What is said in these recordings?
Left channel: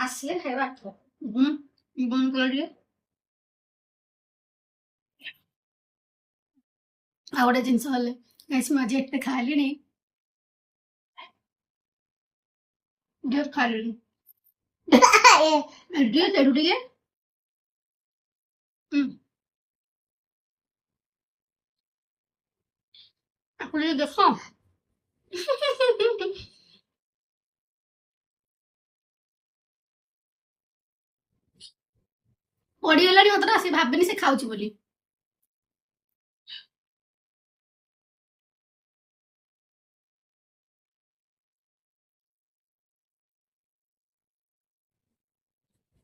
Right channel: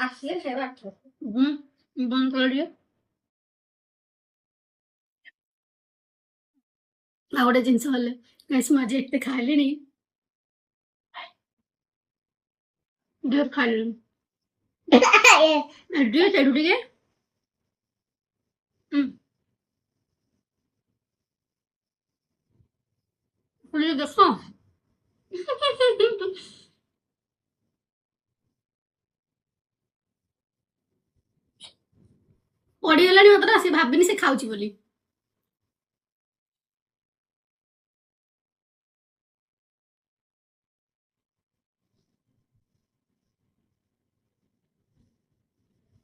ଆସିଲେ ଖାଇବା 8। ବନ୍ଦ କର ଟିକେ। ଆଉ ଗୋଟେ ଜିନିଷ ହେଲେ ଗାଇସ୍ ମୁଁ ଆଜି ଏତେ ଖାଇଲିଣି ढेर ଖାଇଲିଣି ଟିକେ ତେଡ଼ୁ ଟିକେ ଆପଣ ଟିକେ ଦେଖ ପଡ଼ିଗଲାଣି ମାତ୍ର ସେ ଭାବିନି ସେ ଖାଉଛି ବୋଲି।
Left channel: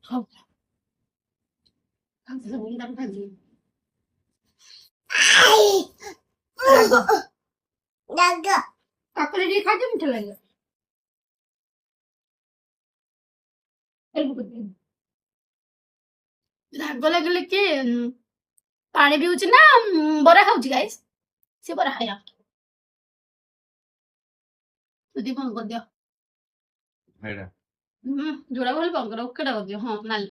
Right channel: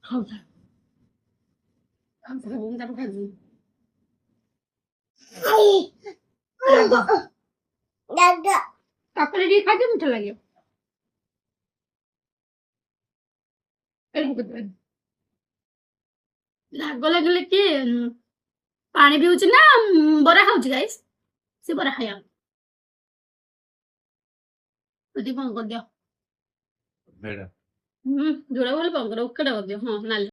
ଖାଉଥା ଖାଉଥା ମୁଁ ତାକୁ ଖାଇବି କାକୁଡ଼ି ଟିକେ ଖାଇତେ ମିଠା ଲାଗିବ। ରାଗ ଲାଗିଲେ କି ପାଣି ପିଉଛି ନା ବରା ଖାଉଛି ଗାଇସ୍? ସେ ବରା ଖାଇବା ଯଦି କଣ କରିଦିଅ ଯୋଉଟା ଭଲ ପାଉ କର ଓକେଟା କରିଦିଅ। ହଁ ନାଲି